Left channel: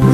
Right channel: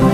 দু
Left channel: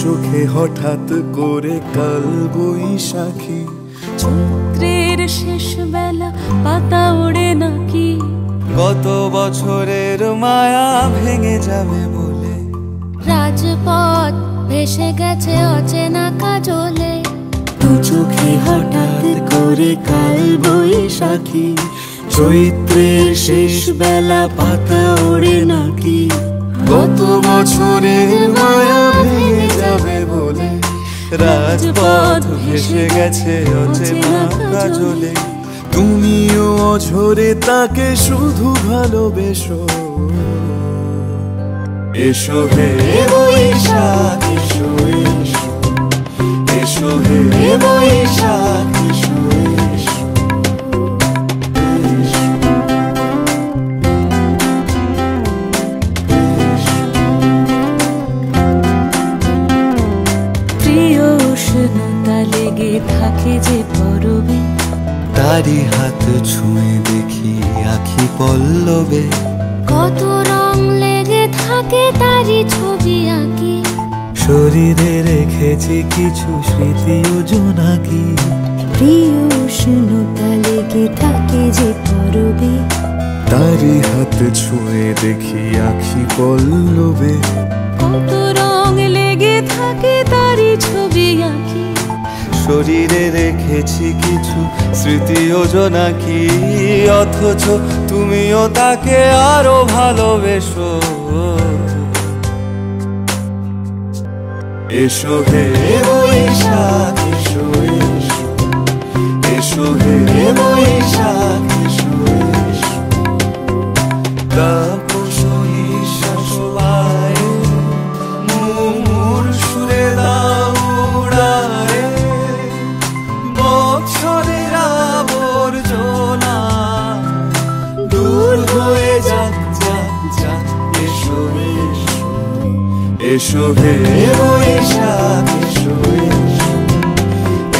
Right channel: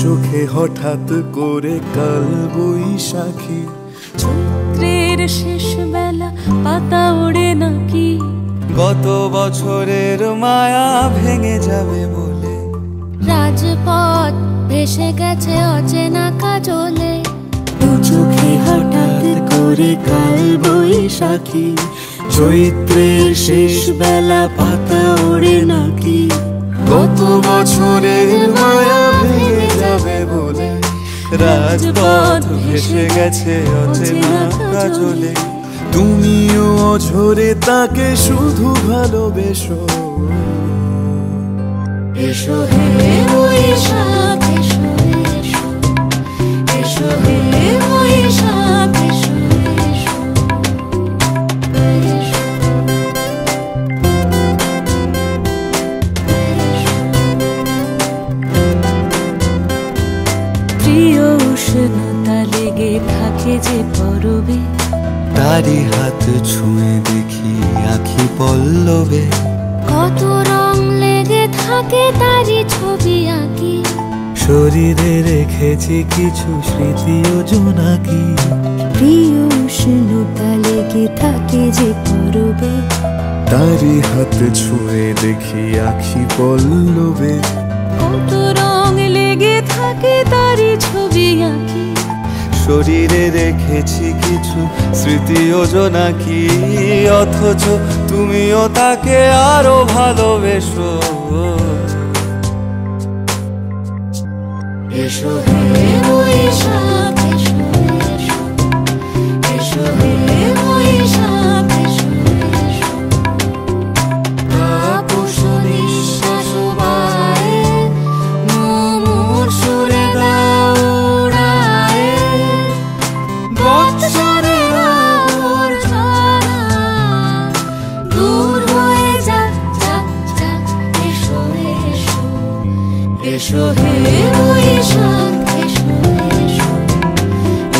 চোখে হঠাৎ করে কাল বৈশাখী, চৈত্রের শেষ বেলা পাতা ওড়ে নাকি, গত বছরের মায়া ভেঙে যাবে বলে, রাজপথ ভেসে গেছে অচেনা কাজলে। দু চোখে হঠাৎ করে কাল বৈশাখী, চৈত্রের শেষ বেলা পাতা ওড়ে নাকি, গত বছরের মায়া ভেঙে যাবে বলে, রাজপথ ভেসে গেছে অচেনা কাজলে। তুমিও অঝরে তাকে শুধু ভালোবেসো, এসো হে বৈশাখ এসো এসো, এসো হে বৈশাখ এসো এসো। প্রিয় উষ্ণতা লেগে থাকে যে পরবে, তারি হাত ছুঁয়ে দেখি আখি পল্লবে, কত রং লেগে থাকে তারি ছবি আঁকি, শরীরে রেখেছি কিছু স্মৃতি ও জোনাকি। প্রিয় উষ্ণতা লেগে থাকে যে পরবে, তারি হাত ছুঁয়ে দেখি আখি পল্লবে, কত রং লেগে থাকে তারি ছবি আঁকি, শরীরে রেখেছি কিছু স্মৃতি ও জোনাকি। অথচ তুমিও তাকে আরো ভালোবেসো, এসো হে বৈশাখ এসো এসো, এসো হে বৈশাখ এসো এসো। তাপস নিঃশ্বাস বাড়ায়, মুমুর সুরে দাও উড়ায়, বৎসরের আবর্জনা দূর হয়ে যাক যাক যাক, এসো এসো, এসো হে বৈশাখ এসো এসো,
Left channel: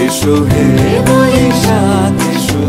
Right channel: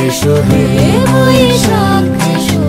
এসো হে বৈশাখ এসো।